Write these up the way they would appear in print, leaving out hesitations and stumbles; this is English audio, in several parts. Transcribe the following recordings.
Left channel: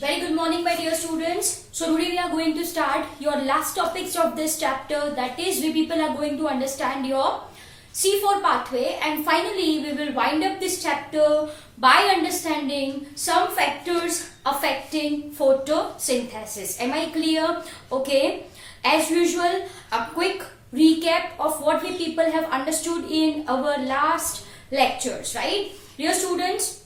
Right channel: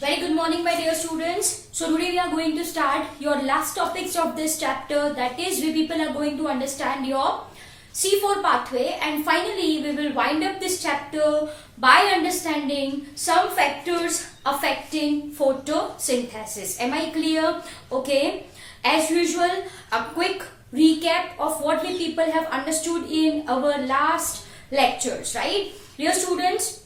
Very good morning, my dear students. So today we are going to start your last topics of this chapter. That is, we people are going to understand your C4 pathway, and finally we will wind up this chapter by understanding some factors affecting photosynthesis. Am I clear? Okay. As usual, a quick recap of what we people have understood in our last lectures, right? Dear students,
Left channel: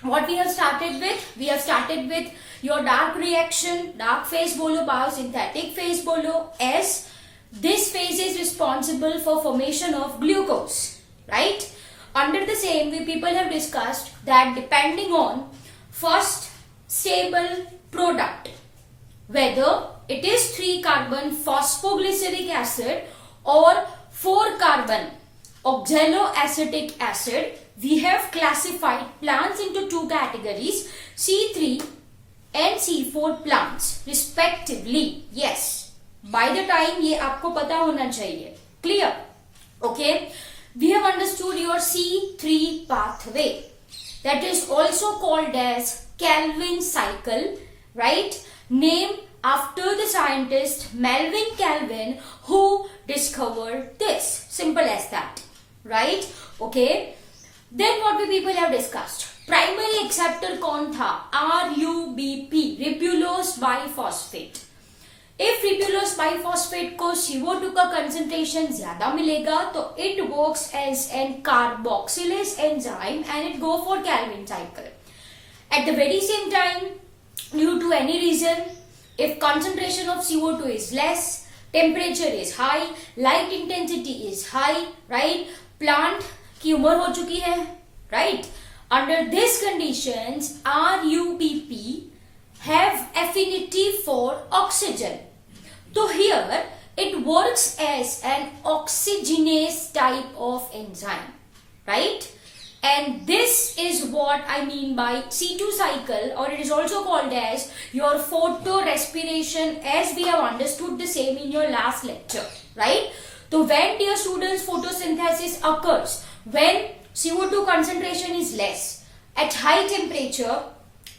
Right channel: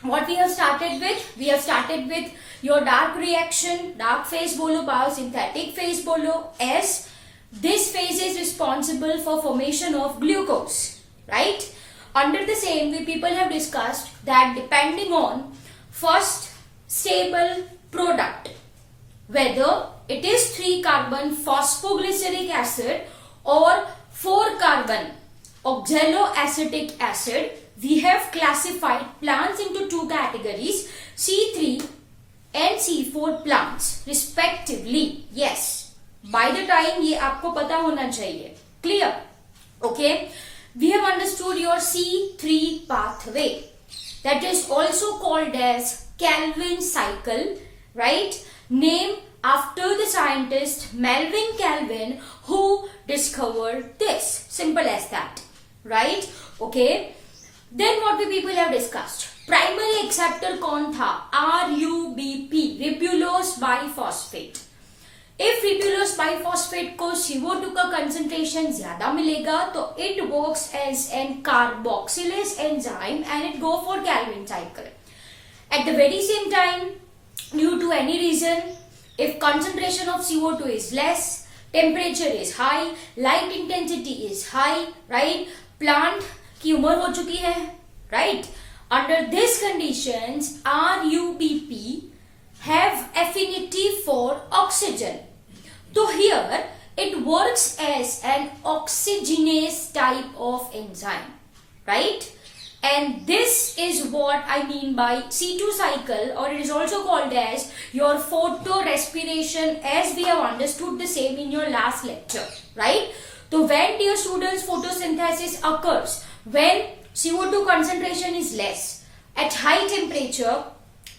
what we have started with your dark reaction, dark phase bolo, biosynthetic phase bolo, as this phase is responsible for formation of glucose, right? Under the same, we people have discussed that depending on first stable product, whether it is 3-carbon phosphoglyceric acid or 4-carbon oxaloacetic acid, we have classified plants into two categories, C3 and C4 plants respectively. Yes, by the time ये आपको पता होना चाहिए. Clear? Okay. We have understood your C3 pathway, that is also called as Calvin cycle, right? Named after the scientist Melvin Calvin, who discovered this. Simple as that, right? Okay. Then what we people have discussed, primary acceptor कौन था? RUBP, ribulose bisphosphate. If ribulose bisphosphate को CO2 का concentration ज्यादा मिलेगा तो it works as an carboxylase enzyme and it go for Calvin cycle. At the very same time, due to any reason, if concentration of CO2 is less, temperature is high, light intensity is high, right? Plant की उम्र हो चुकी है, right? Under these conditions, RUBP have affinity for oxygen. So here it works as an oxygenase type of enzyme, right? And this is what I mean by C2 cycle, or it is also called as your photorespiration, as we have understood the same in your last lecture, right? So when, dear students, photosynthesis occurs when CO2 concentration is less, at high temperature,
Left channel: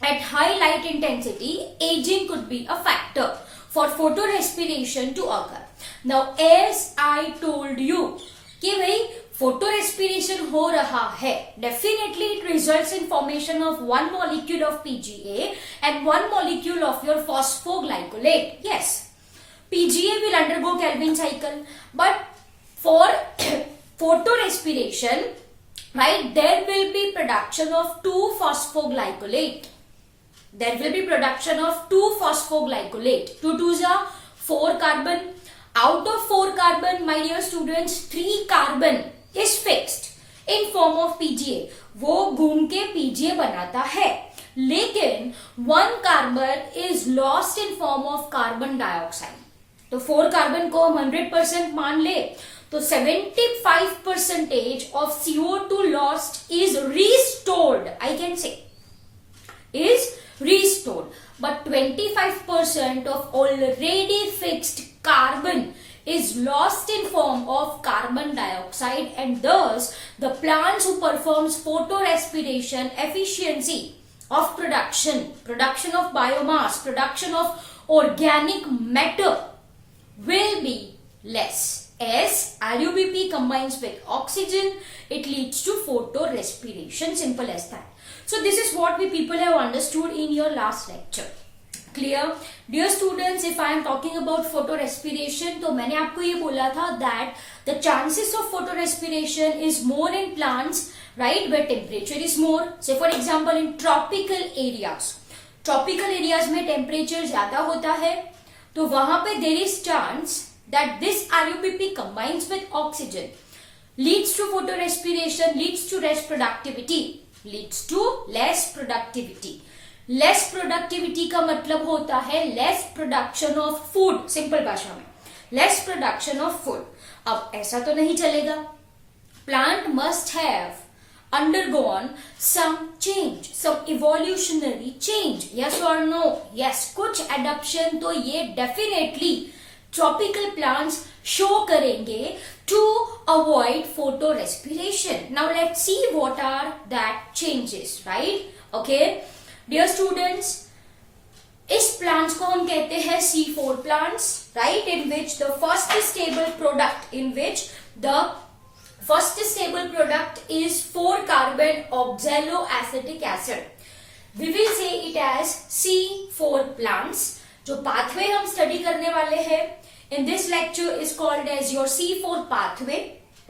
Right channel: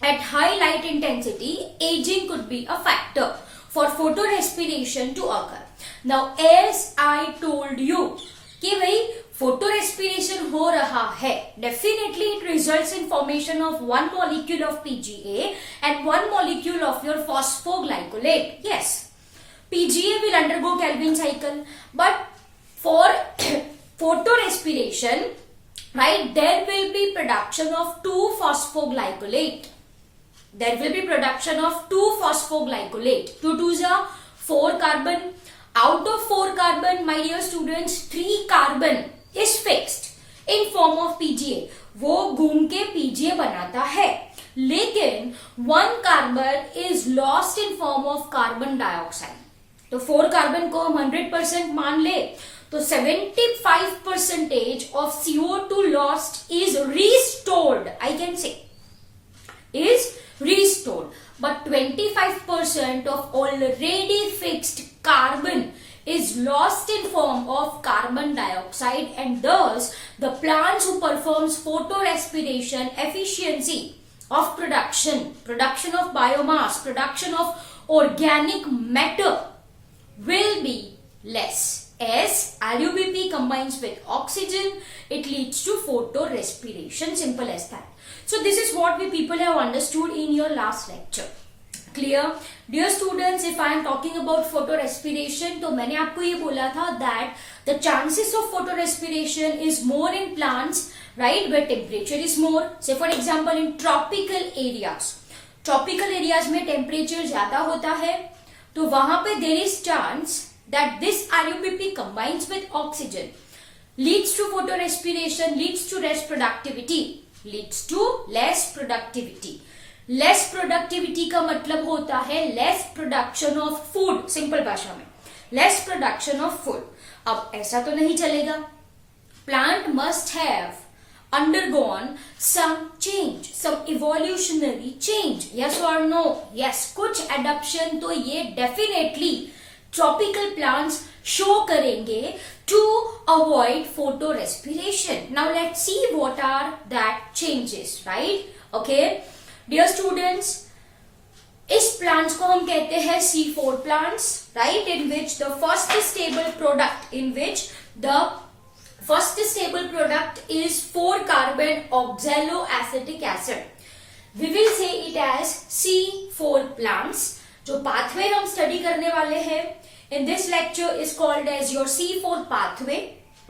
at high light intensity, aging could be a factor for photorespiration to occur. Now, as I told you कि भाई photorespiration हो रहा है, definitely it results in formation of one molecule of PGA and one molecule of your phosphoglycolate. Yes, PGA will undergo Calvin cycle, but for photorespiration, right, there will be production of 2-phosphoglycolate. There will be production of 2-phosphoglycolate. 2 2s are 4 carbon. Out of 4 carbon, my dear students, 3 carbon is fixed in form of PGA. वो घूम के PGA बनाता है, लेकिन 1 carbon is lost in form of carbon dioxide. तो 4 carbon को हम 100% मान ले तो 75% of CO2 lost is restored, I can say, is restored, but 25% of already fixed carbon is lost in form of carbon dioxide, and thus the plants who performs photorespiration efficiency of production of biomass, production of organic matter will be less. As RUBP combines with oxygen, it leads to photorespiration. Simple as that. So this is what we people have understood in your last lecture. Clear? Dear students, if I am talking about photorespiration, तो मैंने आपको ये बोला था that the chances of photorespiration is more in plants, right, where temperature is more. Say for example in tropical areas. Tropical areas में temperature ज़्यादा होता है, तो वहाँ पे there is chance that this RUBP combines with oxygen, leads to photorespiration, leads to less productivity, leads to less productivity. Less productivity का मतलब होता है less production of food. Simple भाषा में less production of food. अब ऐसा तो नहीं चलेगा. Plant must have undergone some change, some evolutionary change. Yes or no? Yes. कुछ adaptation तो ये definitely tropical plants show करेंगे to avoid photorespiration. Now let's see what are that changes, right? Okay, dear students, इस plants को हम कहते हैं C4 plants, right, in which the first stable product is 4 carbon oxaloacetic acid. We will say it as C4 plants. जो pathway हम study करने वाले हैं in this lecture is called as your C4 pathway,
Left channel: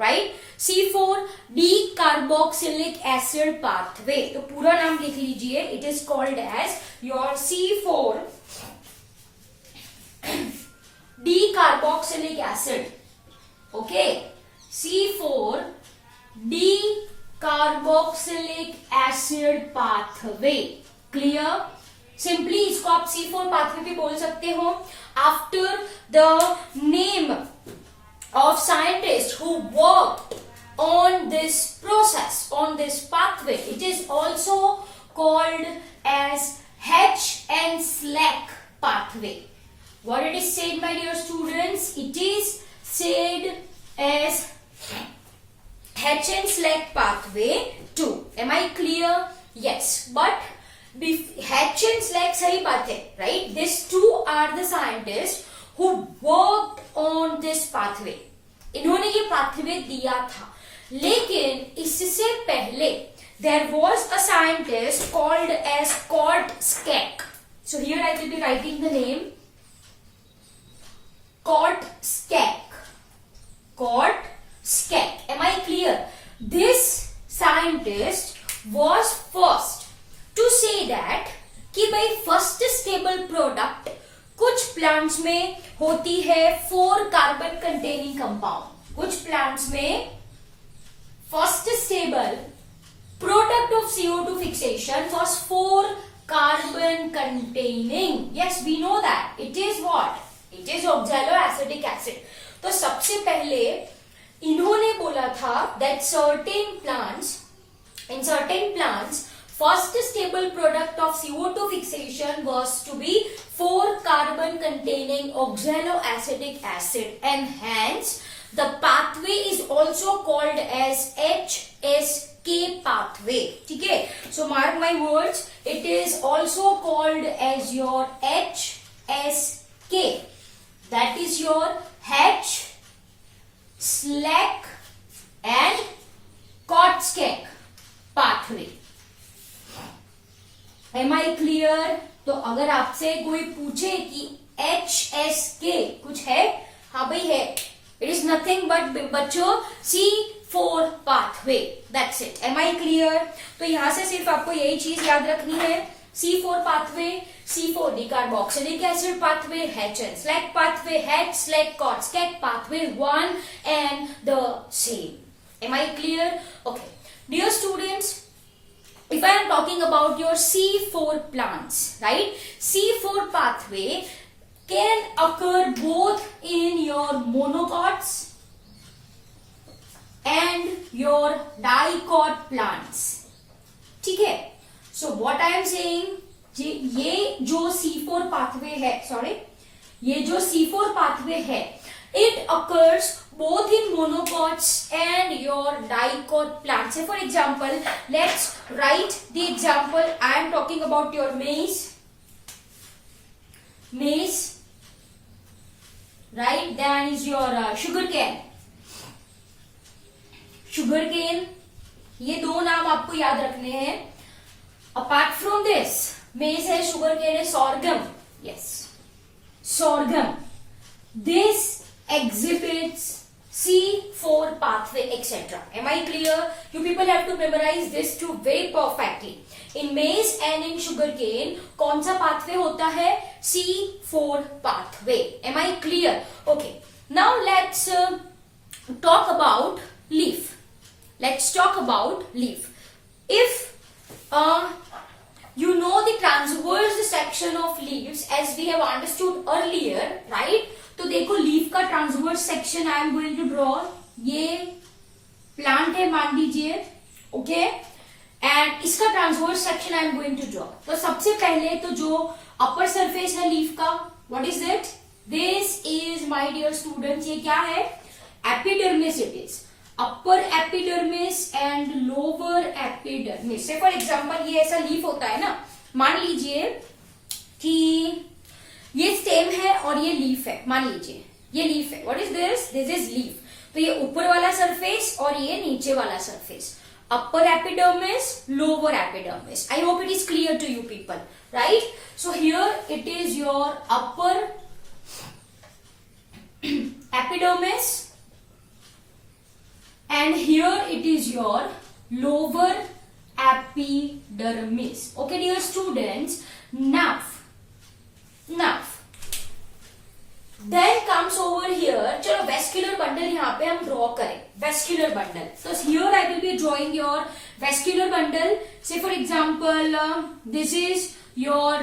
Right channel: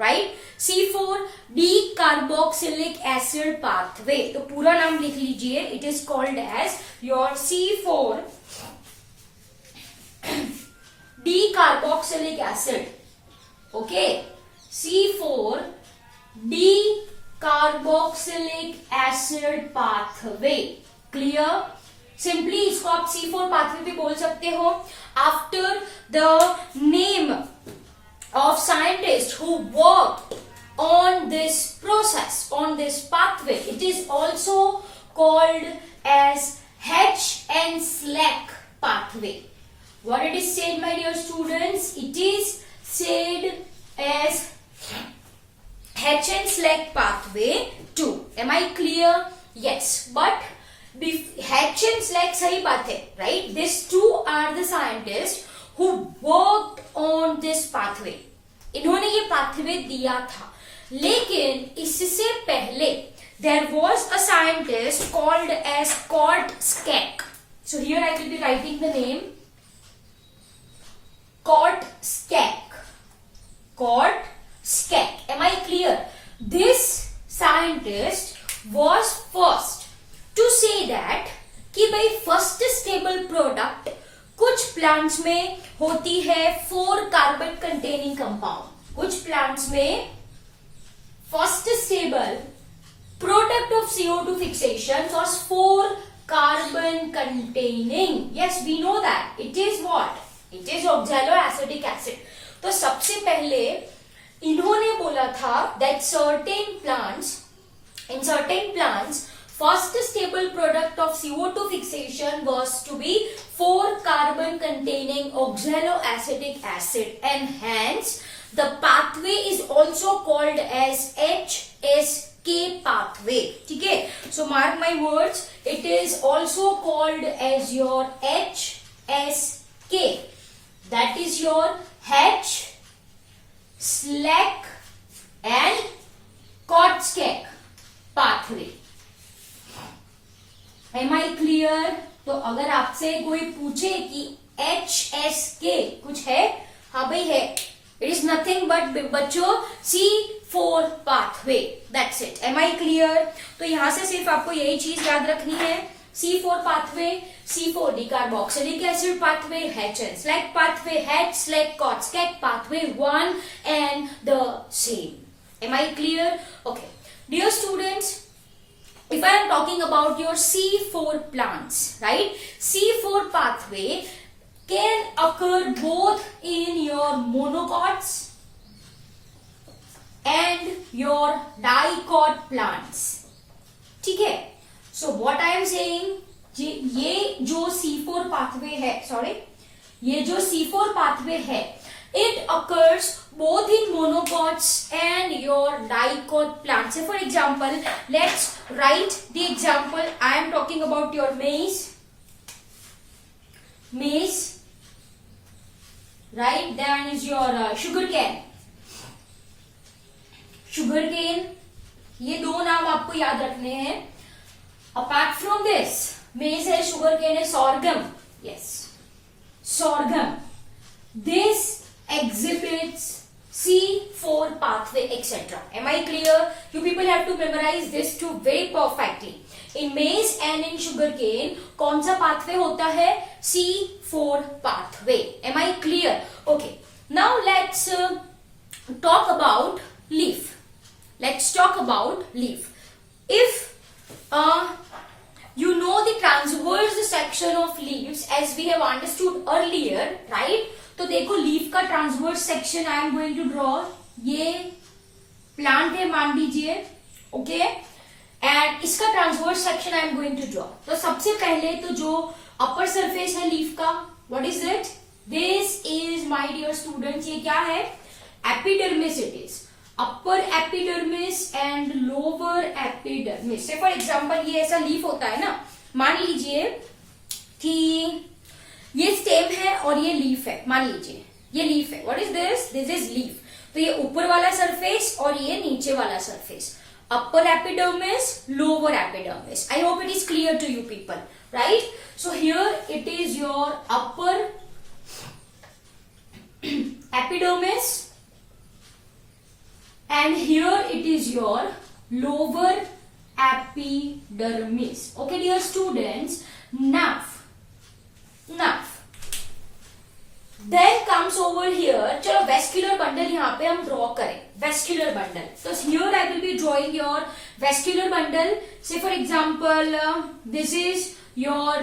right. C4 dicarboxylic acid pathway. तो पूरा नाम लिख लीजिए. It is called as your C4 dicarboxylic acid. Okay, C4 dicarboxylic acid pathway. Clear? Simply इसको आप C4 pathway भी बोल सकते हो. After the name of scientists who worked on this process, on this pathway, it is also called as H-N-SLAC pathway. What it is said, my dear students? It is said as H-N-SLAC pathway 2. Am I clear? Yes, but H-N-SLAC सही बात है, right? These two are the scientists who worked on this pathway. इन्होंने ये pathway दिया था, लेकिन इससे पहले there was a scientist called as Kortschek. So here I will be writing the name Kortschek. Kortschek. Am I clear? This scientist was first to say that कि भाई first stable product कुछ plants में होती है 4 carbon containing compound. कुछ plants में first stable product of CO2 fixation was 4 carbon containing. Yes, we know that it is what? It is oxaloacetic acid. तो सबसे पहले इन्होंने बोला था that in certain plants first stable product of CO2 fixation was to be 4 carbon containing oxaloacetic acid, and hence the pathway is also called as HSK pathway. ठीक है? So mark my words, it is also called as your HSK. That is your H, SLAC and Kortschek pathway. Am I clear? तो अगर आपसे कोई पूछे कि HSK कुछ है, हाँ भाई है. It is nothing but बच्चों C4 pathway. That's it. Am I clear? तो यहां से सिर्फ आपको यही चीज याद रखनी है. C4 pathway, C4 decarboxylic acid pathway, H-N-SLAC pathway, H-SLAC Kortschek pathway, one and the same. Am I clear? Okay. Dear students, if I am talking about your C4 plants, right? C4 pathway can occur both in your monocots and your dicot plants. ठीक है? So what I am saying, ये जो C4 pathway है, ये जो C4 pathway है, it occurs both in monocots and your dicot plants. Say for example, let's write the example. I am talking about your maize, right? Then is your sugarcane. ये दो नाम आपको याद रखने हैं. Apart from this, maize है, sugarcane है, sorghum. Yes, sorghum. This exhibits C4 pathway, etc. Am I clear? You people have to memorize this two very perfectly. In maize and in sugarcane, कौन सा pathway होता है? C4 pathway. Am I clear? Okay. Now let's talk about leaf. If you know the transverse section of leaves, as we have understood earlier, right? तो देखो leaf का transverse section I am going to draw. ये plant है मान लीजिए, okay, and इसका transverse section I am going to draw. तो सबसे पहले तो जो अपर सरफेस है लीफ का, what is it? This is my dear students, ये क्या है? Epidermis. It is upper epidermis and lower epidermis. For example ये ऐसा लीफ होता है ना, मान लीजिए कि ये स्टेम है और ये लीफ है, मान लीजिए ये लीफ है. What is this? This is leaf. तो ये ऊपर वाला सरफेस और ये नीचे वाला surface. Upper epidermis, lower epidermis. I hope it is clear to you people, right? So here it is your upper epidermis and here it is your lower epidermis. Okay dear students, now then comes over here. चलो vascular bundle यहाँ पे हम draw करें. Vascular bundle, तो here I will be drawing your vascular bundle. Say for example this is your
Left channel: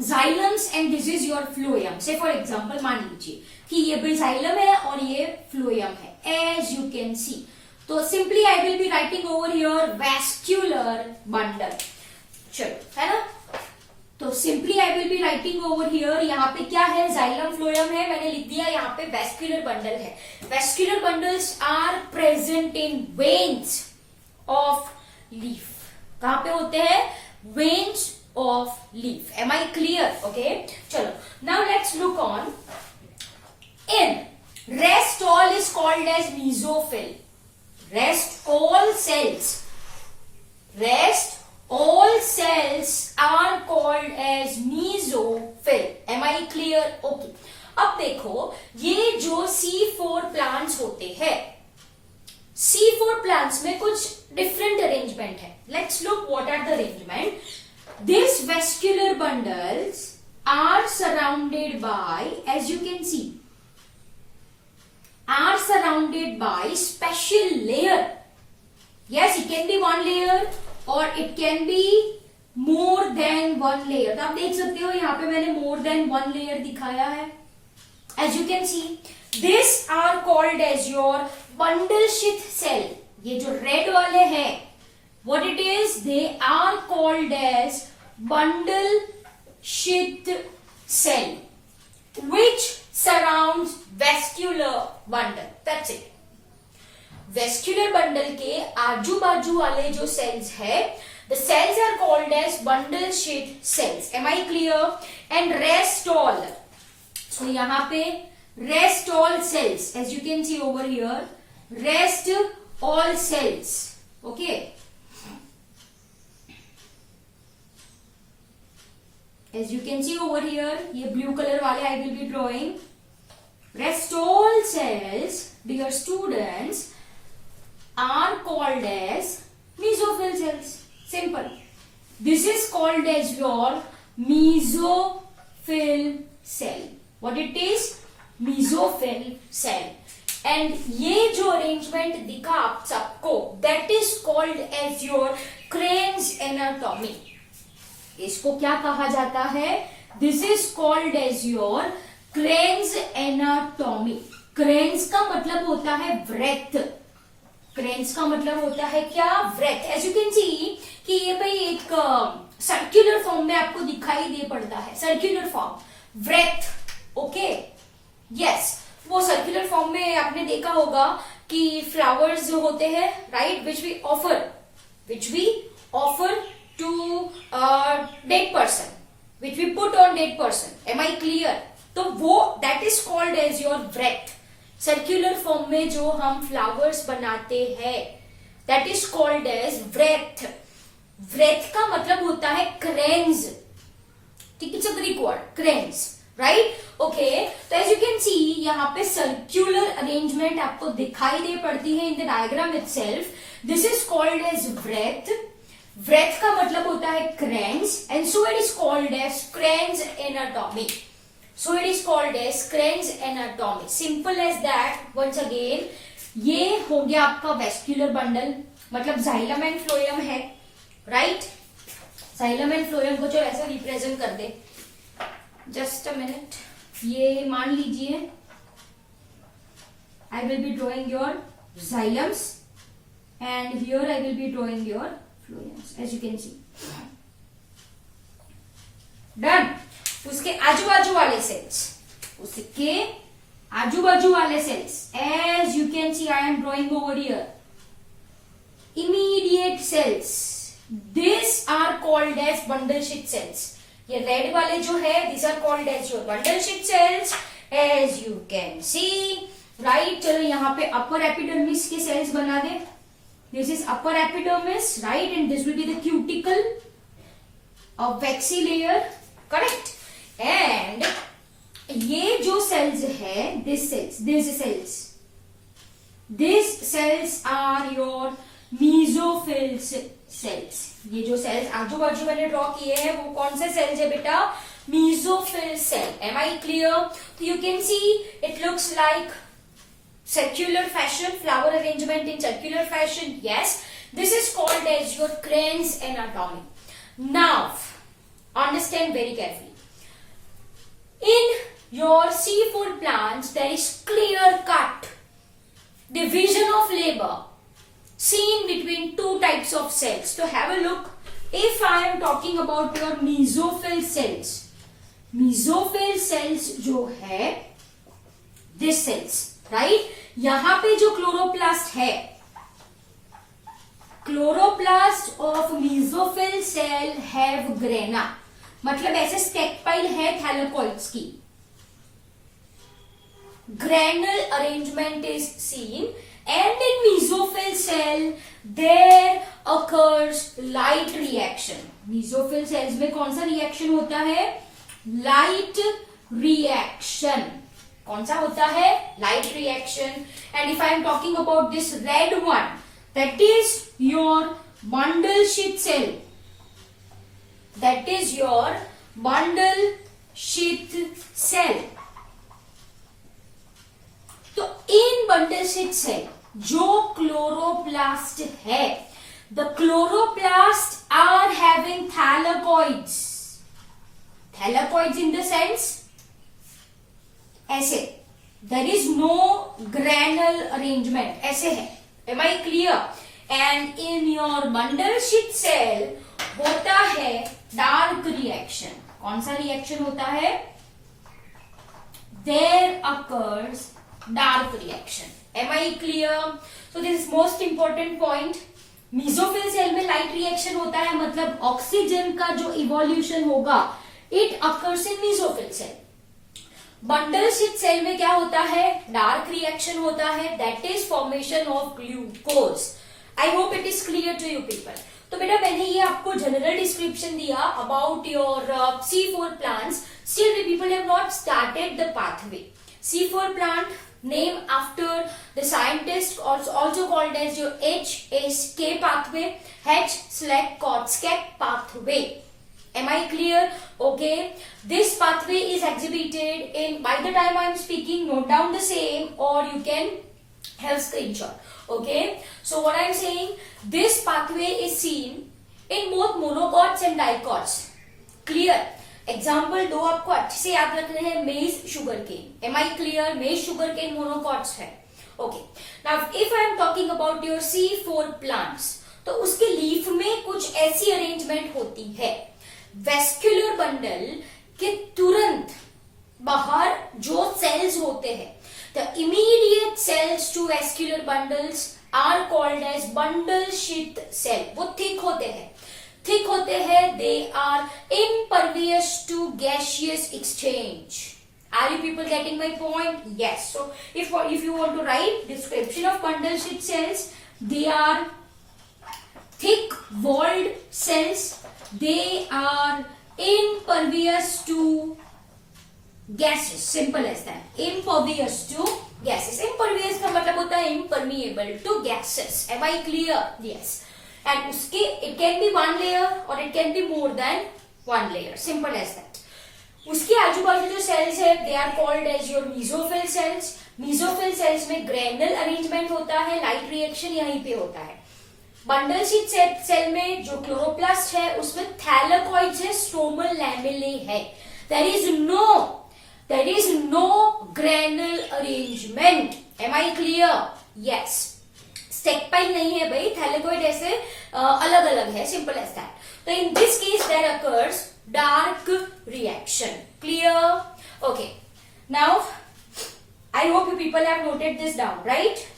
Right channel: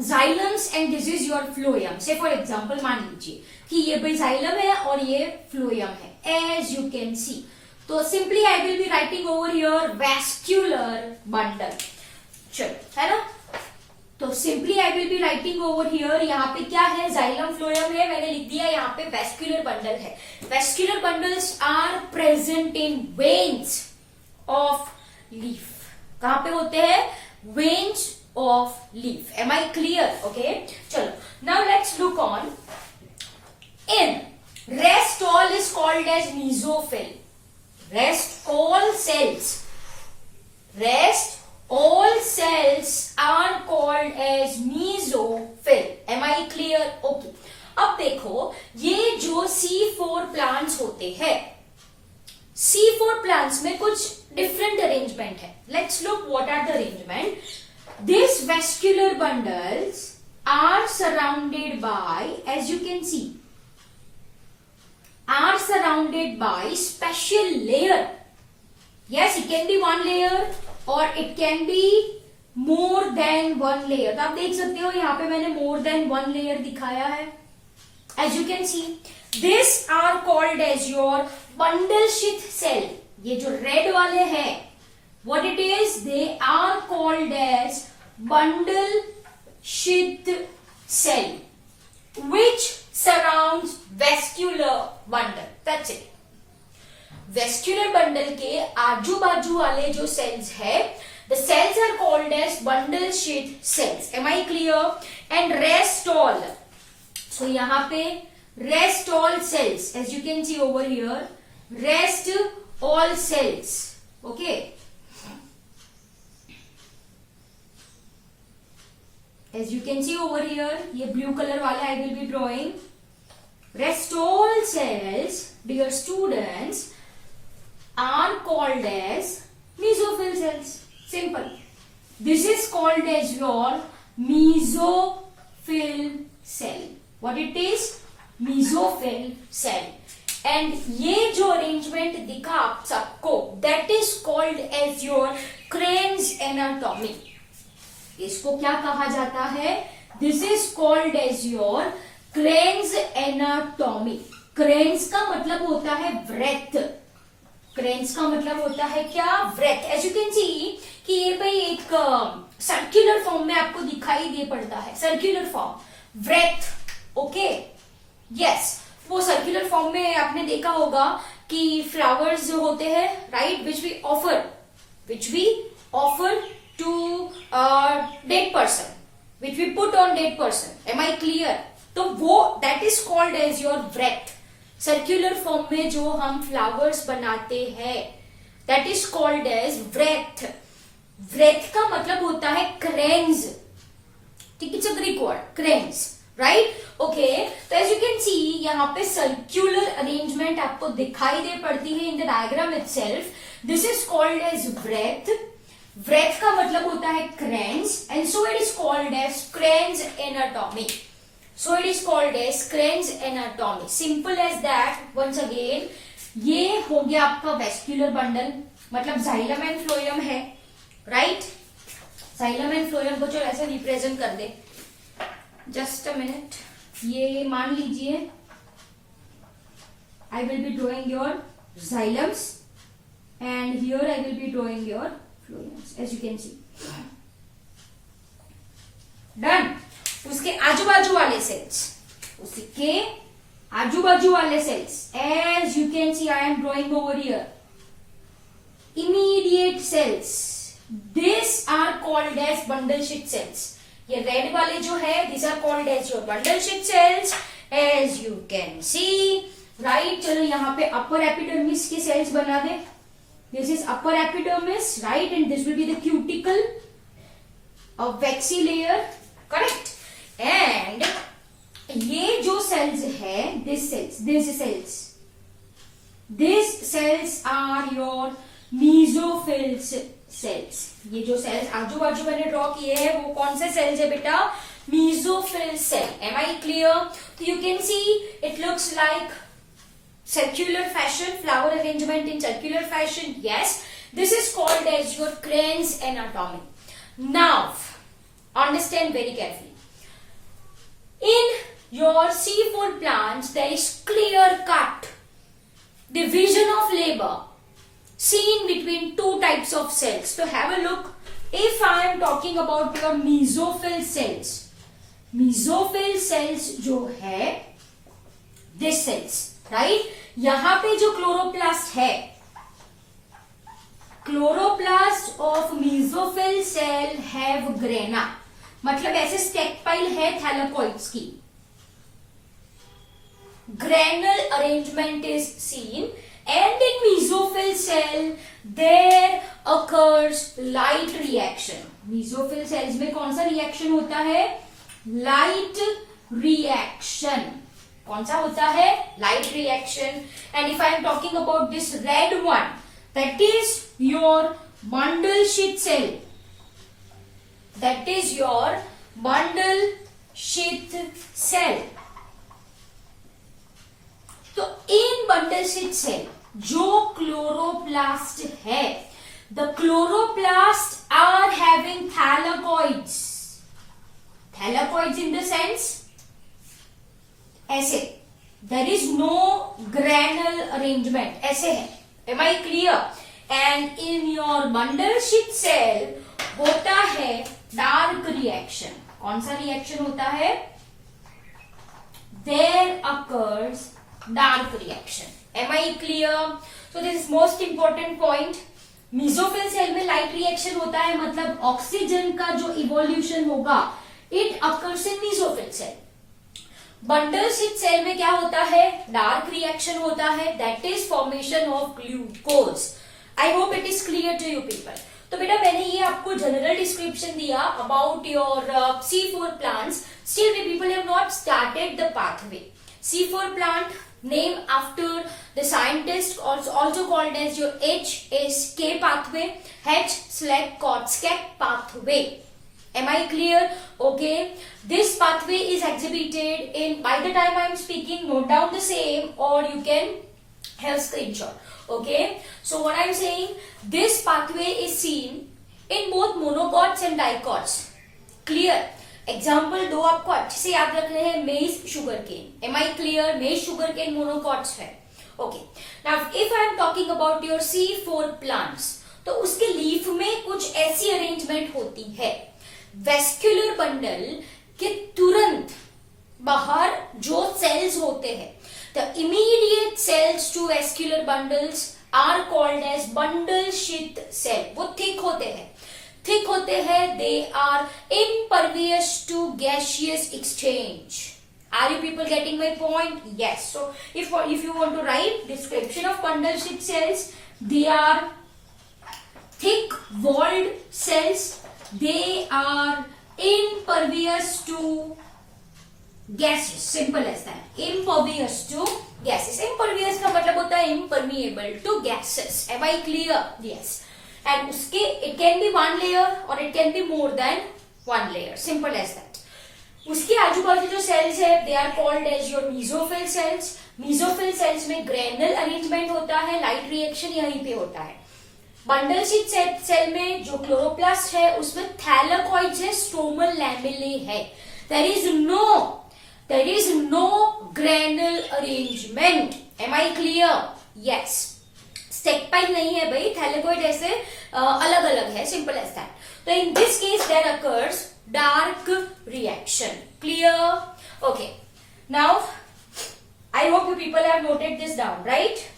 xylem and this is your phloem. Say for example मान लीजिए कि ये भी xylem है और ये phloem है, as you can see. तो simply I will be writing over here vascular bundle. चलो, है ना? तो simply I will be writing over here. यहाँ पे क्या है? जाइलम फ्लोएम है, मैंने लिख दिया. यहाँ पे वेस्क्यूलर बंडल है. Vascular bundles are present in veins of leaf. कहां पे होते हैं? Veins of leaf. Am I clear? Okay, चलो now let's look on. In rest all is called as mesophyll. Rest all cells, rest all cells are called as mesophyll. Am I clear? Okay. अब देखो ये जो C4 plants होते हैं, C4 plants में कुछ different arrangement है. Let's look what are the arrangement. These vascular bundles are surrounded by, as you can see, are surrounded by special layer. Yes, it can be one layer और it can be more than one layer. तो आप देख सकते हो यहाँ पे मैंने more than one layer दिखाया है. As you can see this are called as your bundle sheath cell. ये जो रेड वाले हैं, what it is? They are called as bundle sheath cell which surrounds vascular bundle. That's it. Vascular bundle के आजू बाजू वाले जो cells है, the cells are called as bundle sheath cells. Am I clear? And rest all, so यहाँ पे rest all cells, as you can see over here, rest all cells. Okay, as you can see over here, ये blue colour वाले I will be drawing. Rest all cells, dear students, are called as mesophyll cells. Simple. This is called as your mesophyll cell. What it is? Mesophyll cell. And ये जो arrangement दिखा आप सबको, that is called as your Crane's anatomy. इसको क्या कहा जाता है? This is called as your Crane's anatomy. Crane's का मतलब होता है breadth. क्रेन्स का मतलब होता है क्या? Breath. As you can see कि ये भाई एक सर्कुलर फॉर्म में आपको दिखाई दे पड़ता है. Circular form, breath. Okay, yes, वो सर्कुलर फॉर्म में आपने देखा होगा कि फ्लावर्स जो होते हैं, right, which we offer to dead person, which we put on dead person. Am I clear? तो वो that is called as your breath. Circular form में जो हम फ्लावर्स बनाते हैं, that is called as wreath. Wreath का मतलब होता है क्रेन्स. ठीक है, it's a Greek word, cranes, right? Okay, तो एज यू कैन सी यहाँ पे सर्कुलर अरेंजमेंट आपको दिखाई दे पड़ती है in the diagram itself. This is called as wreath. Wreath का मतलब होता है Kranz, and so it is called as Kranz anatomy. So it is called as Crane's anatomy. Simple as that. Once again, ये हो गया आपका vascular bundle, मतलब xylem and phloem है, राइट? जाइलम एंड फ्लोएम को जो ऐसे रिप्रेजेंट कर दे. Just a minute. ये मान लीजिए I will be drawing your xylems and here I will be drawing your phloems, as you can see. Done. उसके आजू बाजू वाले सेल्स, उसके आजू बाजू वाले cells, as you can see I am drawing over here, immediate cells, this are called as bundle sheath cells. ये red वाले जो है these are called as your bundle sheath cells as you can see, right? चलो यहाँ पे upper epidermis के cells बना दे. This is upper epidermis, right? And this will be the cuticle, a waxy layer, correct? And ये जो cells है, these cells are your mesophil cells. ये जो cells आजू बाजू मैंने ड्रॉ किए हैं वो कौन से cells है बेटा? Mesophil cell. Am I clear? You can see it looks like circular fashion, flower arrangement in circular fashion. Yes, this is called as your Crane's anatomy. Now, understand very carefully. In your C4 plants, there is clear cut division of labor seen between two types of cells. So have a look. If I am talking about your mesophil cells जो है this cells, right? यहाँ पे जो chloroplast है, chloroplast of mesophil cell have grana, मतलब ऐसे stake pile है थैलेकोइड्स की. Granal arrangement is seen, and in mesophil cell there occurs light reaction. mesophil cells में कौन सा रिएक्शन होता है? Light reaction. कौन सा होता है? Light reaction. And if I am talking about this red one, that is your bundle sheath cell. That is your bundle sheath cell. तो इन bundle sheath cell जो क्लोरोप्लास्ट है, the chloroplasts are having thylakoids. Thylakoids in the sense ऐसे, there is no granal arrangement, ऐसे है. Am I clear? And in your bundle sheath cell होता है dark reaction. कौन सा reaction होता है? There occurs dark reaction. Am I clear? So this is most important point. mesophil cell में light reaction होता है, मतलब ऑक्सीजन का जो इवोल्यूशन होगा it occurs in mesophil cell. bundle sheath cell में क्या होता है? डार्क रिएक्शन होता है, that is formation of glucose. I hope it is clear to you people. तो बेटा मैंने ये आपको जनरल डिस्क्रिप्शन दिया about your C4 plants. Still we people have not started the pathway. C4 plant name after the scientist, also called as your HSK pathway, H/Korsakoff pathway. Am I clear? Okay. This pathway is exhibited in, by the time I am speaking, note down the same or you can have screenshot. Okay. So what I am saying, this pathway is seen in both monocots and dicots. Clear? Example दो आपको अच्छे से याद रखने हैं. Maize sugar cane. Am I clear? Maize sugar cane monocots है. Okay. Now if I am talking about your C4 plants, तो उसके लीफ में कुछ ऐसी अरेंजमेंट होती है. वेस्क्यूलर बंडल के तुरंत बाहर जो सेल्स होते हैं, the immediate cells to vascular bundles are called as bundle sheath cell. वो थिक होते हैं, they are impervious to gaseous exchange. Are you people getting my point? Yes. So if you want to write description of bundle sheath cells, they are thick walled cells. They are impervious to gases. Simple as that. Impervious to gases. Impervious का मतलब होता है impermeable to gases. Am I clear? Yes. And उसके it can be one layer or it can be more than one layer. Simple as that. उसके आजू बाजू जो cells है, they are called as your mesophil cells. Mesophil cells में granule arrangement होता है, light reaction यहीं पे होता है. बंडल शीथ सेल में जो क्लोरोप्लास्ट है उसमें थैलेकोइड्स है, स्ट्रोमल लैमेले है. There is no granal arrangement. Am I clear? Yes. Stack pile नहीं है भाई, थैलेकोइड ऐसे अलग अलग है. Simple as that. तो in this case there occurs dark reaction. Clear? Okay. Now I hope you people have noted this down, right?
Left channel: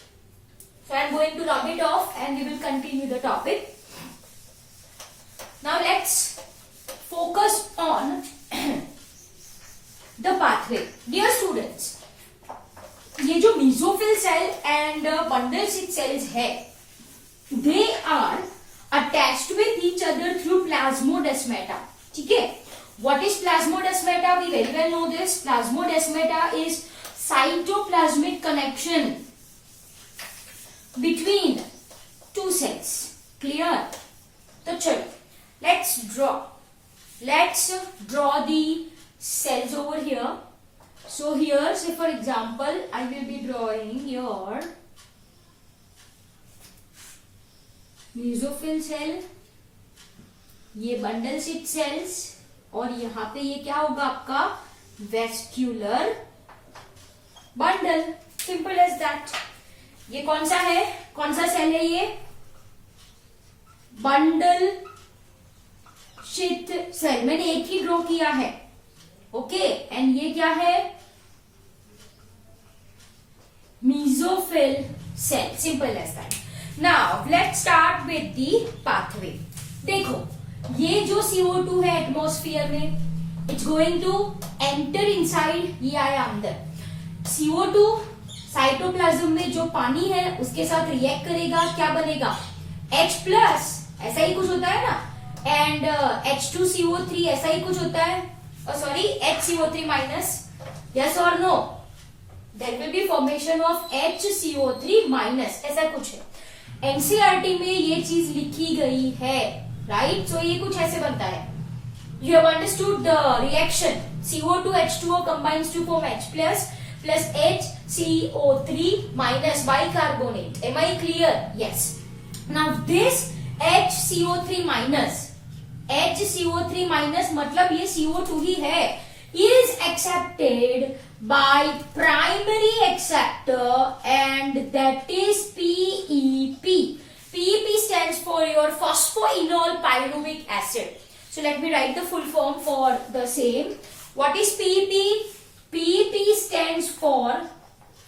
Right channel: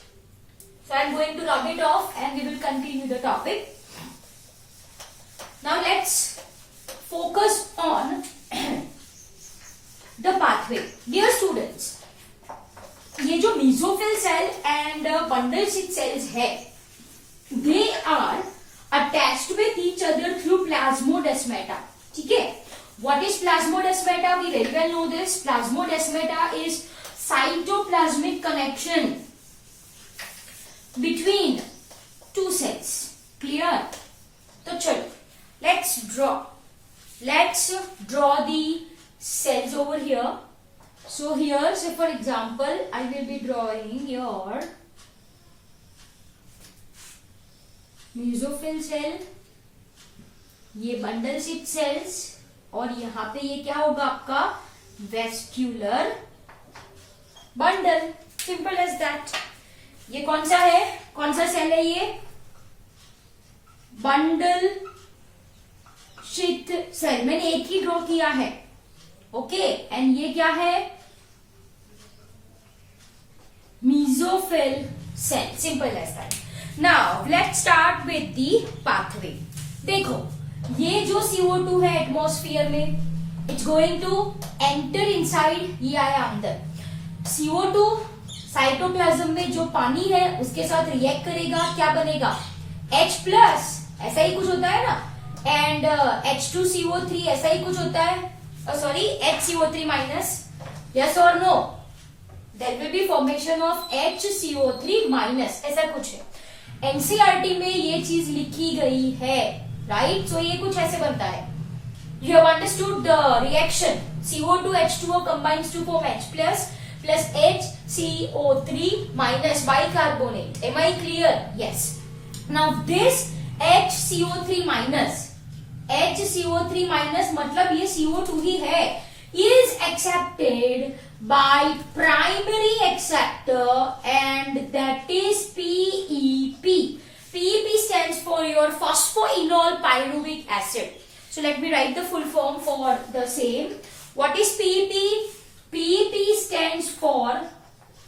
So I am going to rub it off and we will continue the topic. Now let's focus on on the pathway. Dear students, ये जो mesophyll cell and bundle sheath cells है, they are attached with each other through plasmodesmata. ठीक है? What is plasmodesmata? We very well know this. Plasmodesmata is cytoplasmic connection between two cells. Clear? तो चलो, let's draw the cells over here. So here, say for example, I will be drawing your mesophyll cell, ये bundle sheath cells, और यहाँ पे ये क्या होगा आपका vascular bundle. Simple as that. ये कौन सा है, कौन सा सेल है? ये बंडल शीथ सेल. मैंने एक ही ड्रॉ किया है. ओके, एंड ये क्या है? Mesophyll cell. Simple as that. Now let's start with the pathway. देखो, ये जो CO2 है एटमॉस्फेयर में, it's going to enter inside. ये आया अंदर. CO2 साइटोप्लाज्म में जो पानी है उसके साथ रिएक्ट करेगा. क्या बनेगा? H+, ऐसा ही कुछ होता है ना, एंड H2CO3 ऐसा ही कुछ होता है. Sorry, HCO3-. यस और no? There will be formation of HCO3-. ऐसा कुछ है. एनसीईआरटी में ये चीज लिखी गई है. राइट? सो ये कुछ ऐसे बनता है. You have understood the reaction. CO2H2O combines to form H plus HCO3 minus bicarbonate. Am I clear? Yes. Now this HCO3 minus मतलब ये CO2 ही है, is accepted by primary acceptor, and that is PEP. PEP stands for your phosphoenol pyruvic acid. So let me write the full form for the same. What is PEP? PEP stands for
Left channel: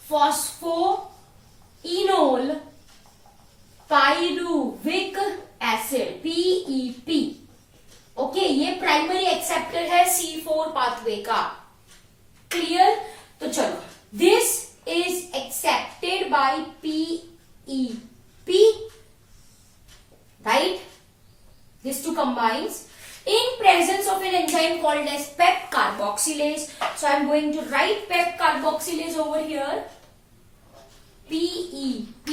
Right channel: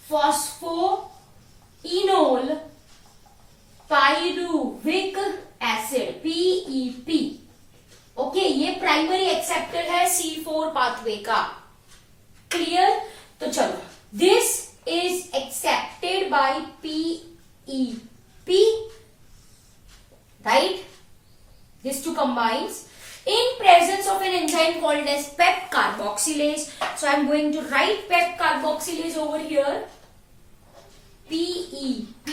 phosphoenol pyruvic acid. PEP. Okay, ये primary acceptor है C4 pathway का. Clear? तो चलो, this is accepted by PEP. Right? These two combines in presence of an enzyme called as PEP carboxylase. So I am going to write PEP carboxylase over here. PEP,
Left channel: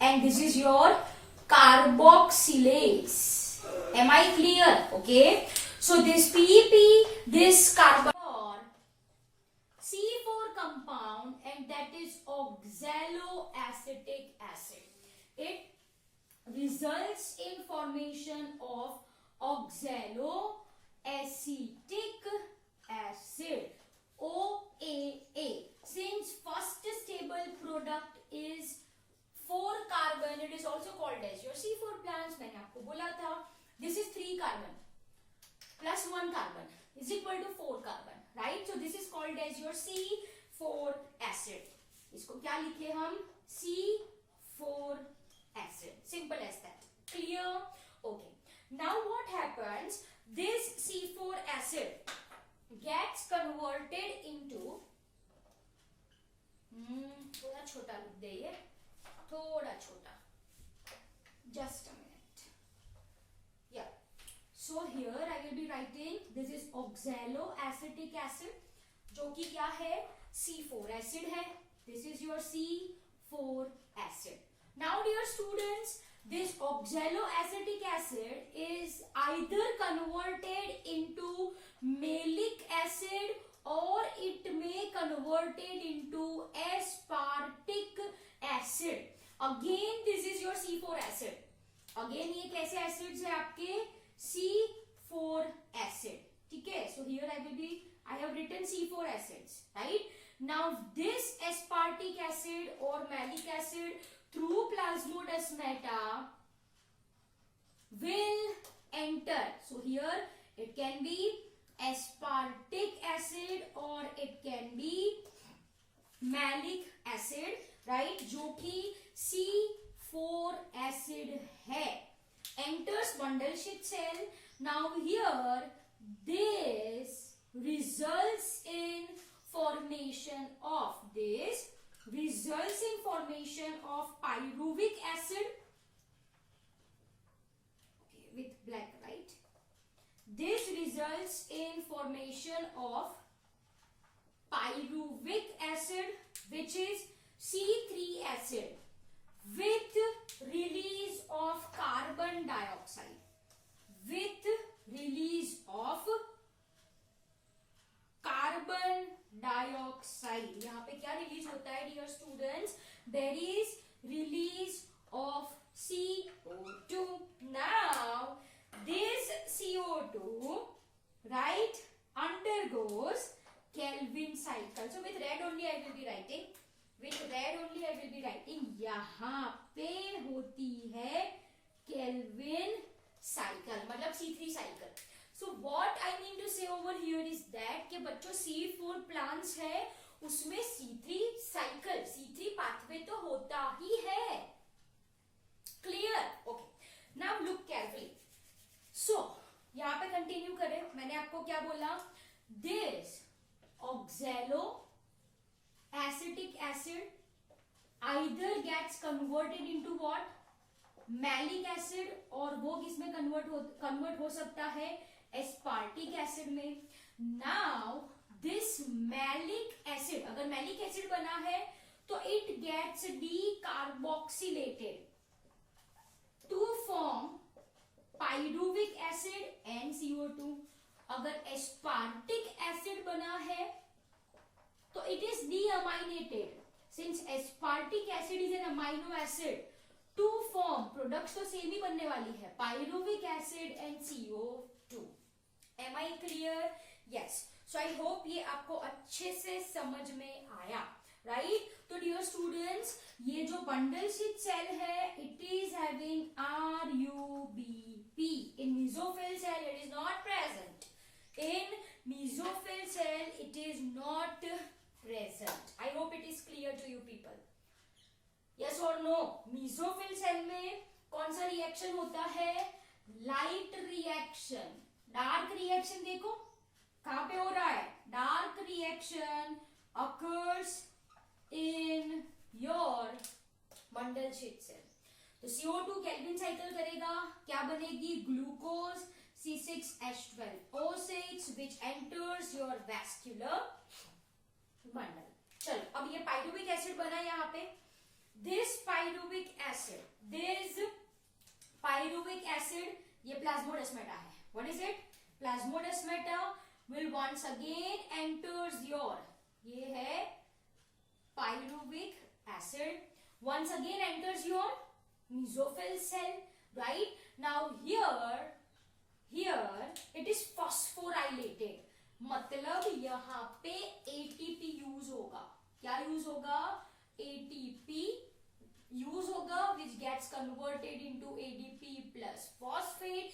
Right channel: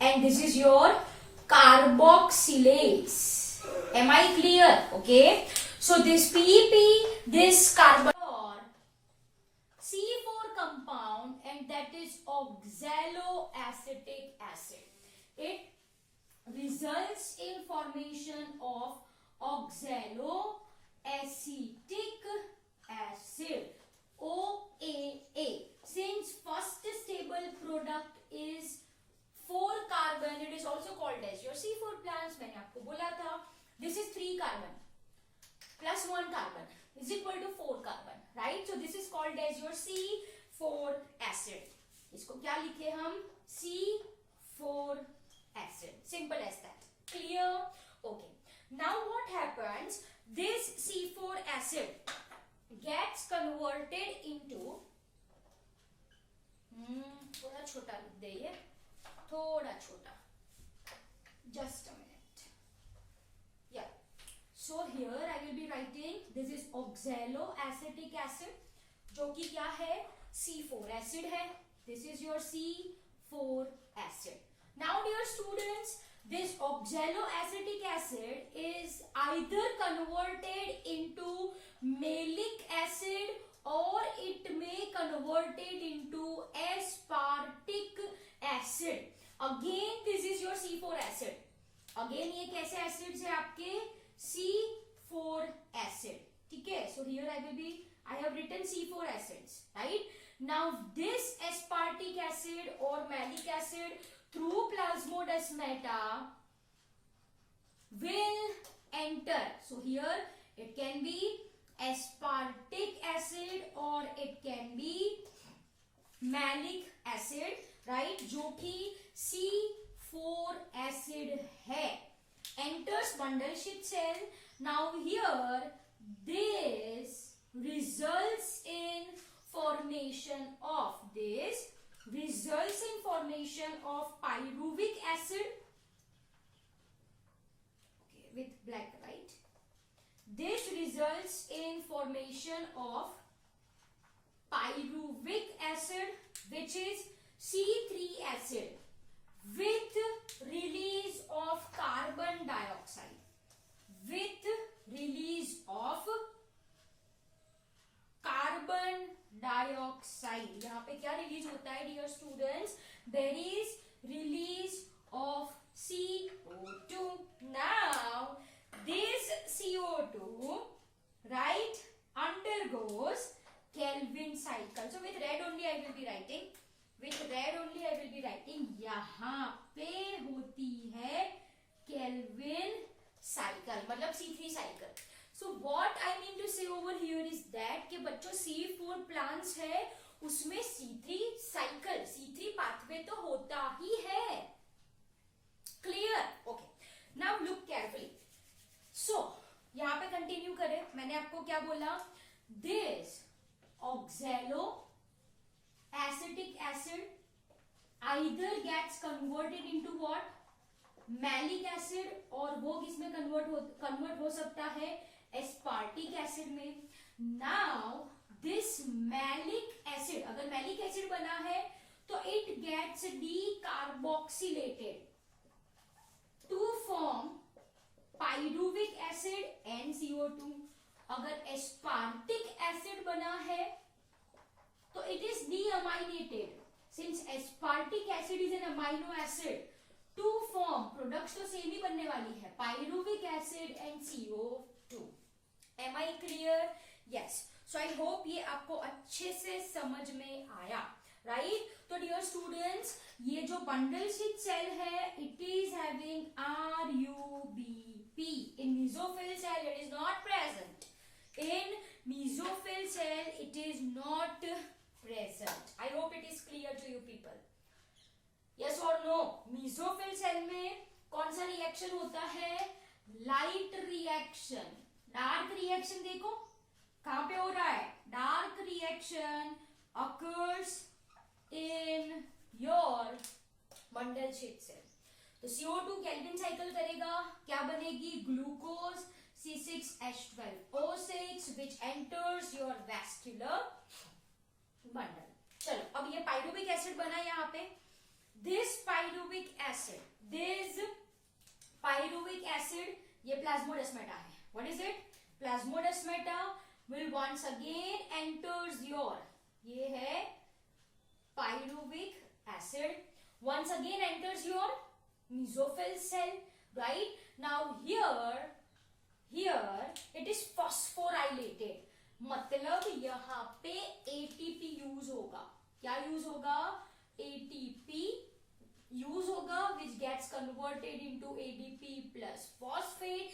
and this is your carboxylase. Am I clear? Okay. So this PEP, this carbon C4 compound, and that is oxaloacetic acid. It results in formation of oxaloacetic acid, OAA. Since first stable product is 4 carbon, it is also called as your C4 plants. मैंने आपको बोला था, this is 3 carbon plus 1 carbon is equal to 4 carbon, right? So this is called as your C4 acid. इसको क्या लिखे हम? C4 acid. Simple as that. Clear? Okay. Now what happens? This C4 acid gets converted into थोड़ा छोटा लिख दे, ये थोड़ा छोटा. Just a minute. Yeah. So here I will be writing, this is oxaloacetic acid, जो कि क्या है? C4 acid है. This is your C4 acid. Now dear students, this oxaloacetic acid is either converted into malic acid or it may converted into aspartic acid. Again this is your C4 acid. Again ये कैसे acids है आपके? C4 acid. ठीक है? So here I have written C4 acids, right? Now this aspartic acid or malic acid through plasmodesmata will enter. So here it can be aspartic acid or it can be malic acid, right? जो कि C4 acid है. Enters bundle sheath cell. Now here this results in formation of pyruvic acid. Okay, with black, right? This results in formation of pyruvic acid, which is C3 acid, with release of carbon dioxide. With release of carbon dioxide. यहाँ पे क्या release होता है dear students? There is release of CO2. Now this CO2, right, undergoes Kelvin cycle. So with red only I will be writing. यहाँ पे होती है Kelvin cycle, मतलब C3 cycle. So what I mean to say over here is that कि बच्चों C4 plants है, उसमें C3 cycle, C3 pathway तो होता ही है. Clear? Okay. Now look carefully. So यहाँ पे कंटिन्यू करें. मैंने आपको क्या बोला? This oxaloacetic acid either gets converted into what? Malic acid, और वो किसमें कन्वर्ट हो सकता है? एस्पार्टिक एसिड में. नाउ दिस मैलिक एसिड, अगर मैलिक एसिड बना है तो it gets decarboxylated to form pyruvic acid and CO2. अगर एस्पार्टिक एसिड बना है तो it is deaminated. Since aspartic acid is an amino acid, to form products तो सेम ही बनने वाली है, pyruvic acid and CO2. Am I clear? Yes. So I hope ये आपको अच्छे से समझ में आया, right? तो dear students, ये जो bundle sheath cell है, it is having RUBP. In mesophyll cell it is not present. In mesophyll cell it is not present. I hope it is clear to you people. Yes or no? mesophyll cell में कौन सा reaction होता है? Light reaction. Dark reaction देखो कहां पे हो रहा है? Dark reaction occurs in your bundle sheath cell. तो CO2 केल्विन साइकिल करेगा, क्या बनेगी? Glucose C6H12O6 which enters your vascular bundle. चलो अब ये पाइरुविक एसिड बना यहाँ पे. This pyruvic acid, ये प्लाज्मोडेस्माटा है. What is it? Plasmodesmata will once again enters your, ये है pyruvic acid, once again enters your mesophyll cell, right? Now here it is phosphorylated, मतलब यहाँ पे ATP यूज होगा. क्या यूज होगा? ATP use होगा, which gets converted into ADP plus phosphate,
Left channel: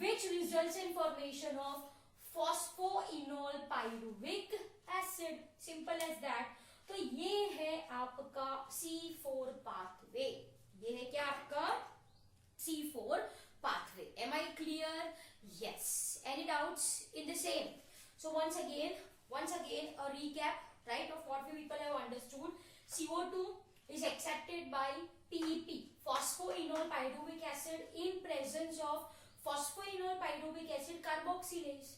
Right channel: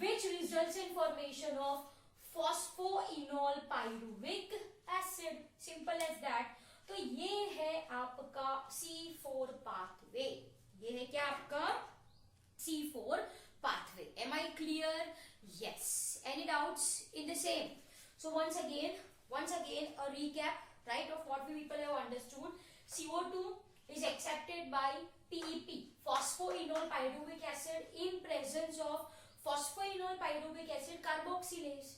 which results in formation of phosphoenol pyruvic acid. Simple as that. तो ये है आपका C4 pathway. ये है क्या आपका C4 pathway. Am I clear? Yes. Any doubts in the same? So once again a recap, right, of what we people have understood. CO2 is accepted by PEP, phosphoenol pyruvic acid, in presence of phosphoenol pyruvic acid carboxylase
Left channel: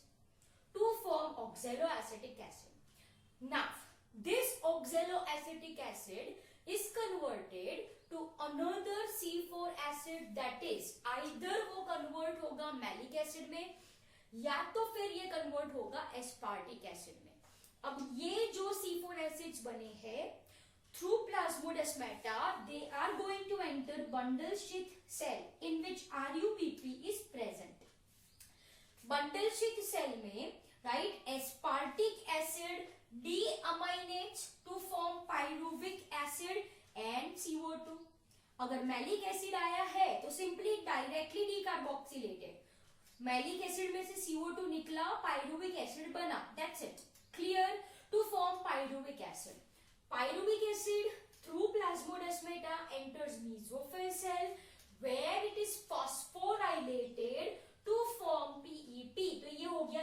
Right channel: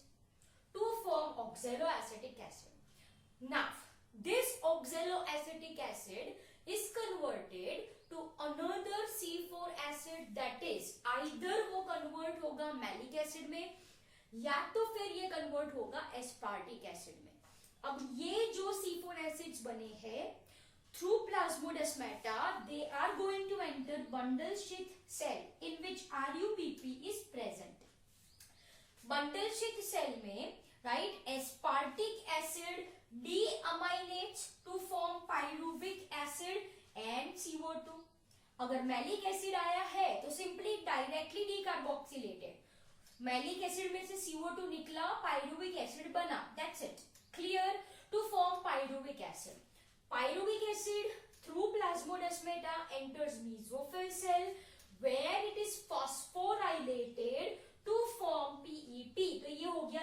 to form oxaloacetic acid. Now this oxaloacetic acid is converted to another C4 acid, that is either वो convert होगा maleic acid में या तो फिर ये convert होगा aspartic acid में. अब ये जो C4 acids बने हैं, through plasmodesmata they are going to enter bundle sheath cell in which RUBP is present. bundle sheath cell में, right, aspartic acid deaminates to form pyruvic acid and CO2. अगर malic acid आया है तो simply directly decarboxylated. Malic acid में से CO2 निकला, pyruvic acid बना. That's it. Clear? To form pyruvic acid. Pyruvic acid through plasmodesmata enters mesophyll cell where it is phosphorylated to form PEP. तो ये हो गया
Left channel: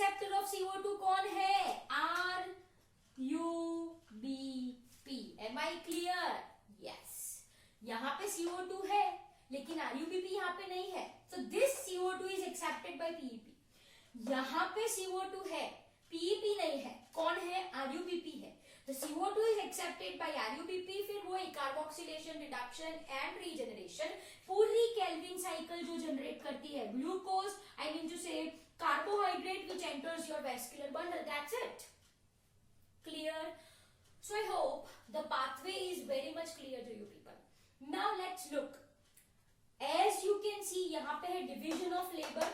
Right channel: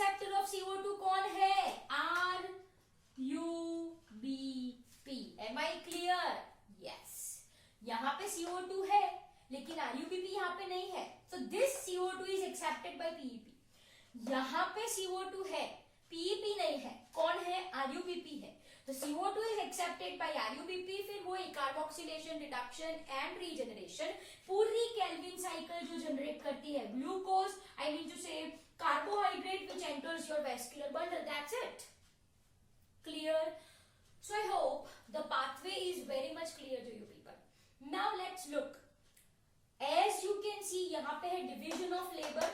एक्सेप्टर ऑफ CO2 कौन है? RUBP. Am I clear? Yes. यहाँ पे CO2 है लेकिन RUBP यहाँ पे नहीं है. So this CO2 is accepted by PEP. यहाँ पे CO2 है, PEP नहीं है. कौन है? RUBP है. तो CO2 is accepted by RUBP. फिर वो कार्बोक्सिलेशन, रिडक्शन एंड रीजनरेशन पूरी केल्विन साइकिल जो जनरेट करती है ग्लूकोज, आई मीन टू से carbohydrate which enters your vascular bundle. That's it. Clear? So I hope the pathway is very much clear to you people. Now let's look. As you can see, यहाँ पे है division of labor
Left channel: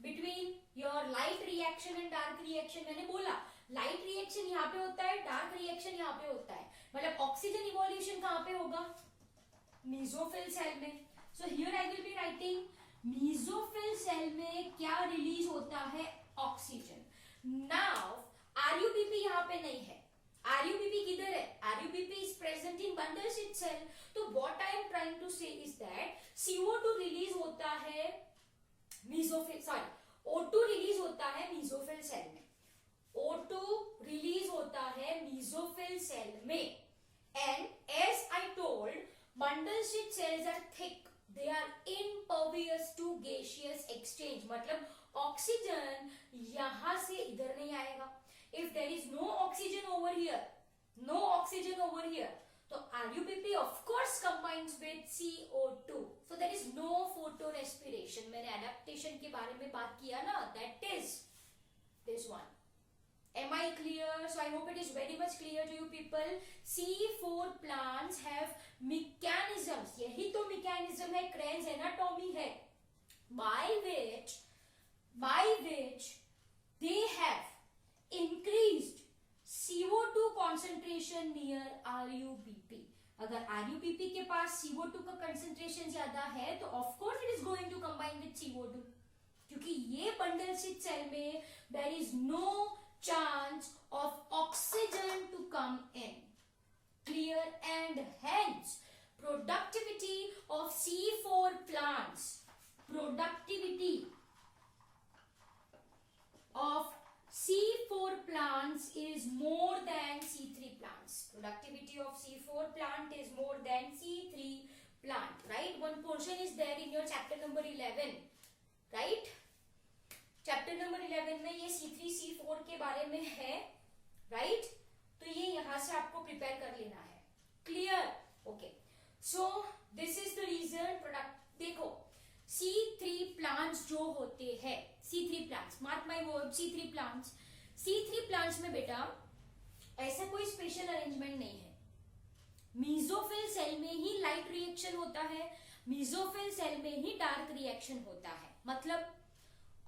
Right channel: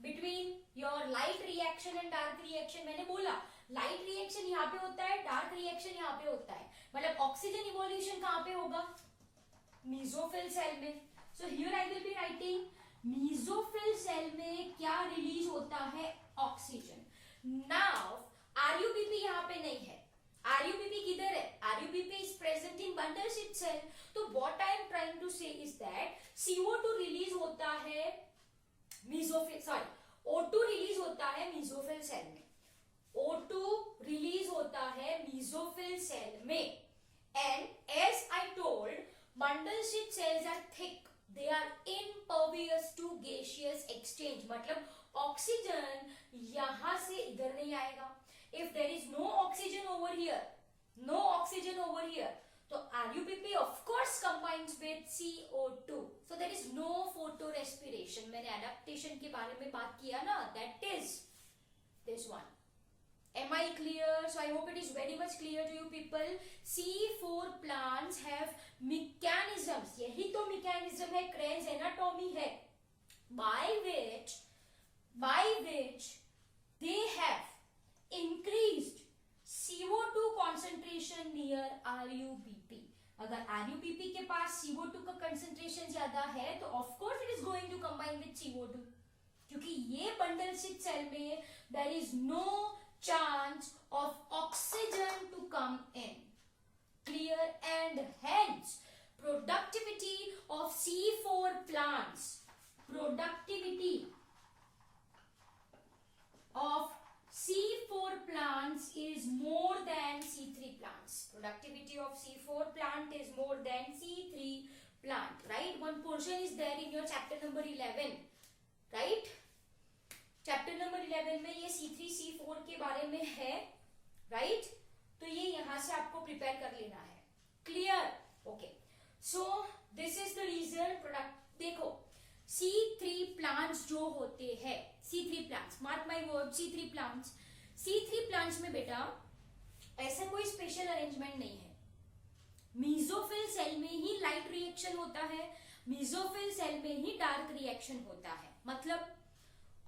between your light reaction and dark reaction. मैंने बोला light reaction यहाँ पे होता है, dark reaction यहाँ पे होता है. मतलब oxygen evolution कहाँ पे होगा? Mesophyll cell में. So here I will be writing mesophyll cell में क्या रिलीज होता है? ऑक्सीजन. नाउ RUBP यहाँ पे नहीं है. RUBP किधर है? RUBP is present in bundles itself. तो what I am trying to say is that CO2 release होता है mesophyll, sorry, O2 रिलीज होता है mesophyll सेल में. O2 रिलीज होता है mesophyll सेल में. And as I told, bundle sheet cells are thick. They are impervious to gaseous exchange. मतलब oxygen यहां से इधर नहीं आएगा. If there is no oxygen over here, no oxygen over here, so RUBP of course combines with CO2. So there is no photorespiration. मैंने adaptation के बारे में बात किया ना, that is this one. Am I clear? So I hope it is very much clear to you people. C4 plants have mechanisms. यही तो mechanism है, Krebs anatomy है, by which they have increased CO2 concentration near RUBP. अगर RUBP के पास CO2 का concentration ज्यादा है तो of course it is going to combine with CO2. क्योंकि ये bundle sheath cell में there is no chance of oxygen to come in. Clear? And hence productivity of C4 plants, productivity of C4 plants is more than C3 plants. Productivity of C4 plant is more than C3 plant, right? One portion is there in your chapter number 11, right? Chapter number 11 में ये C3 C4 के बारे में है, right? तो ये यहां से आपको प्रिपेयर कर लेना है. Clear? Okay. So this is the reason. Product देखो, C3 प्लांट्स जो होते हैं, C3 plants, mark my word, C3 plants में बेटा ऐसा कोई स्पेशल अरेंजमेंट नहीं है. मेसोफिल सेल में ही लाइट रिएक्शन होता है, मेसोफिल सेल में ही डार्क रिएक्शन होता है. मतलब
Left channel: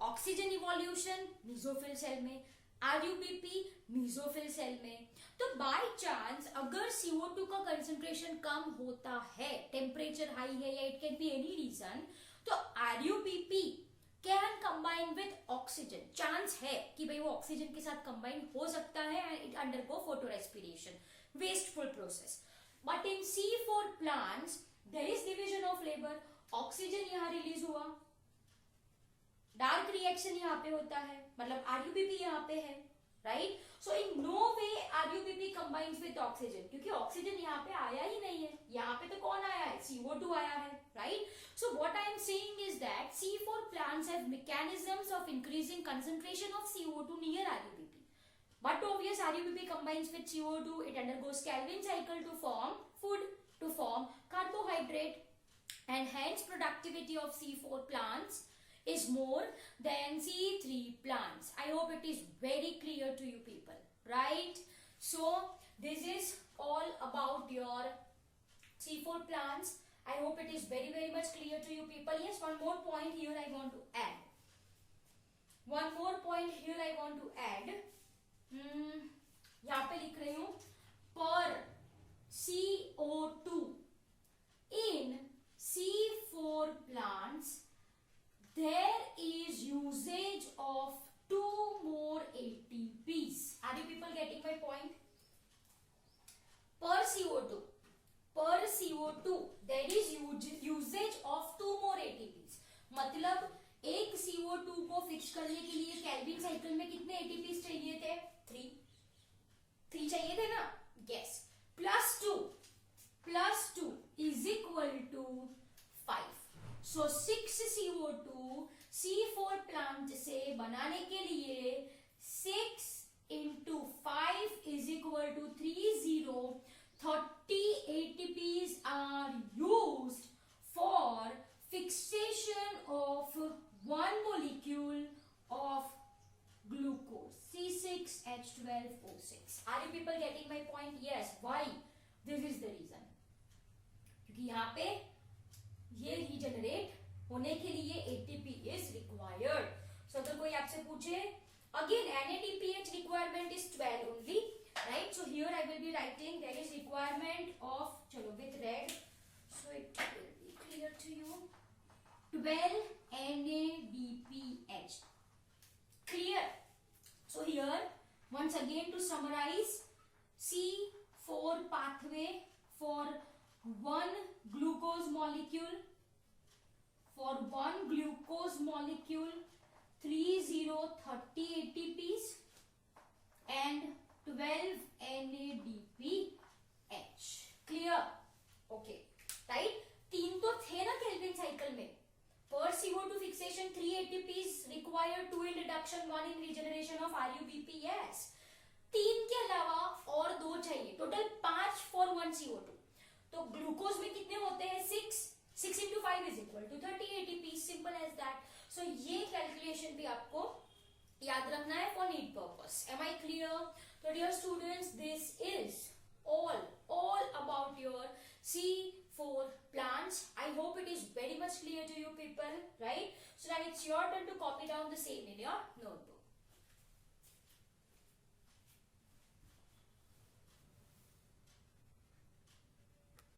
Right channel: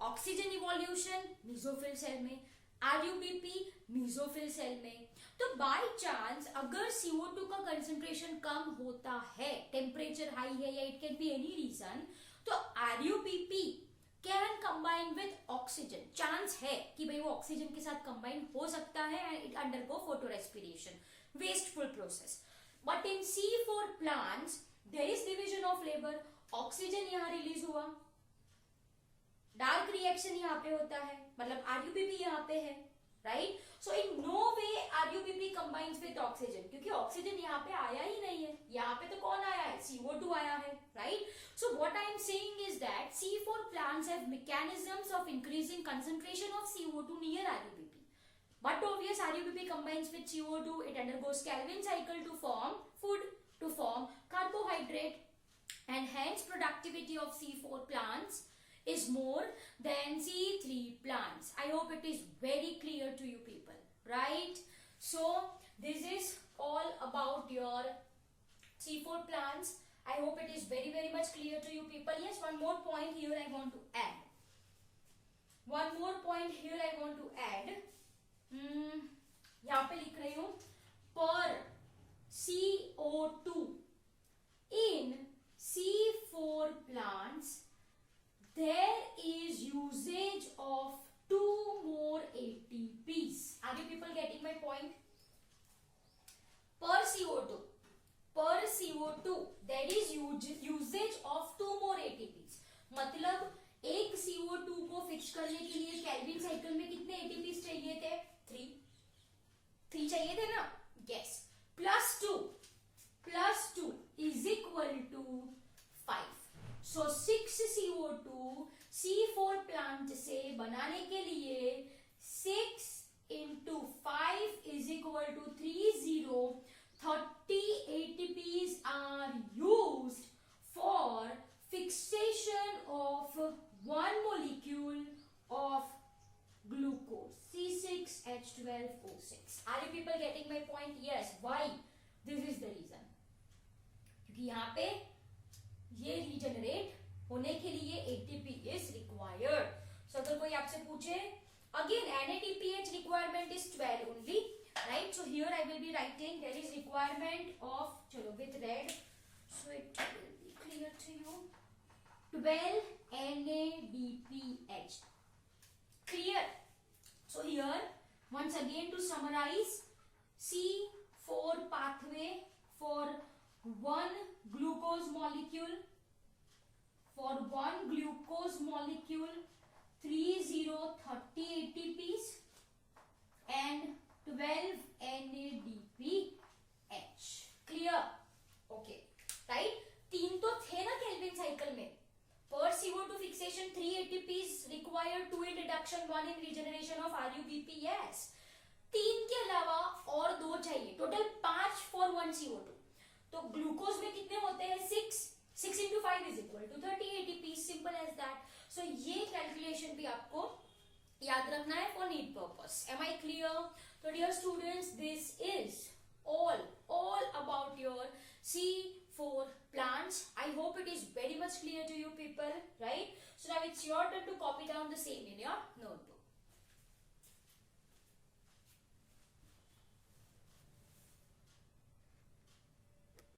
ऑक्सीजन इवोल्यूशन मेसोफिल सेल में, RUBP मेसोफिल सेल में. तो बाय चांस अगर CO2 का कंसंट्रेशन कम होता है, टेम्परेचर हाई है या it can be any reason, तो RUBP can combine with oxygen. Chance है कि भाई वो ऑक्सीजन के साथ कंबाइन हो सकता है and it undergo photorespiration, wasteful process. But in C4 plants there is division of labour. Oxygen यहां रिलीज हुआ, डार्क रिएक्शन यहाँ पे होता है, मतलब RUBP यहाँ पे है, right? So in no way RUBP combines with oxygen, क्योंकि ऑक्सीजन यहाँ पे आया ही नहीं है. यहाँ पे तो कौन आया है? CO2 आया है, right? So what I am saying is that C4 plants have mechanisms of increasing concentration of CO2 near RUBP. But obvious RUBP combines with CO2, it undergoes Calvin cycle to form food, to form carbohydrate, and hence productivity of C4 plants is more than C3 plants. I hope it is very clear to you people, right? So this is all about your C4 plants. I hope it is very much clear to you people. Yes, one more point here I want to add. One more point here I want to add. यहाँ पे लिख रही हूं, per CO2 in C4 plants there is usage of 2 more ATPs. Are you people getting my point? Per CO2 there is usage of 2 more ATPs. मतलब एक CO2 को fix करने के लिए केल्विन साइकिल में कितने एटीपी चाहिए थे? 3 चाहिए थे ना? Yes. Plus two is equal to 5. सो 6 CO2 C4 प्लांट से बनाने के लिए 6 into 5 is equal to 30. 30 ATPs are used for fixation of one molecule of glucose C6H12O6. Are you people getting my point? Yes. Why? This is the reason. क्योंकि यहाँ पे ये regenerate होने के लिए ATP is required. So अगर कोई आपसे पूछे, again NADPH requirement is 12 only, right? So here I will be writing there is requirement of, chalo with red, so it will be clear to you. 12 NADPH. Clear? So here once again to summarize, C4 pathway for one glucose molecule, 30 ATPs and 12 NADPH. Clear? Okay. Right? 3 तो थे ना Calvin cycle में. Per CO2 fixation 3 ATPs required, 2 in reduction, 1 in regeneration of RUBP. Yes. 3 के अलावा और 2 चाहिए. Total 5 for 1 CO2. तो glucose में कितने होते हैं? 6 into 5 is equal to 30 ATP. Simple as that. So ये कैलकुलेशन भी आपको याद रखना है for need purpose. Am I clear? So dear students, this is all about your C4 plants. I hope it is very much clear to you people, right? So now it's your turn to copy down the same in your notebook.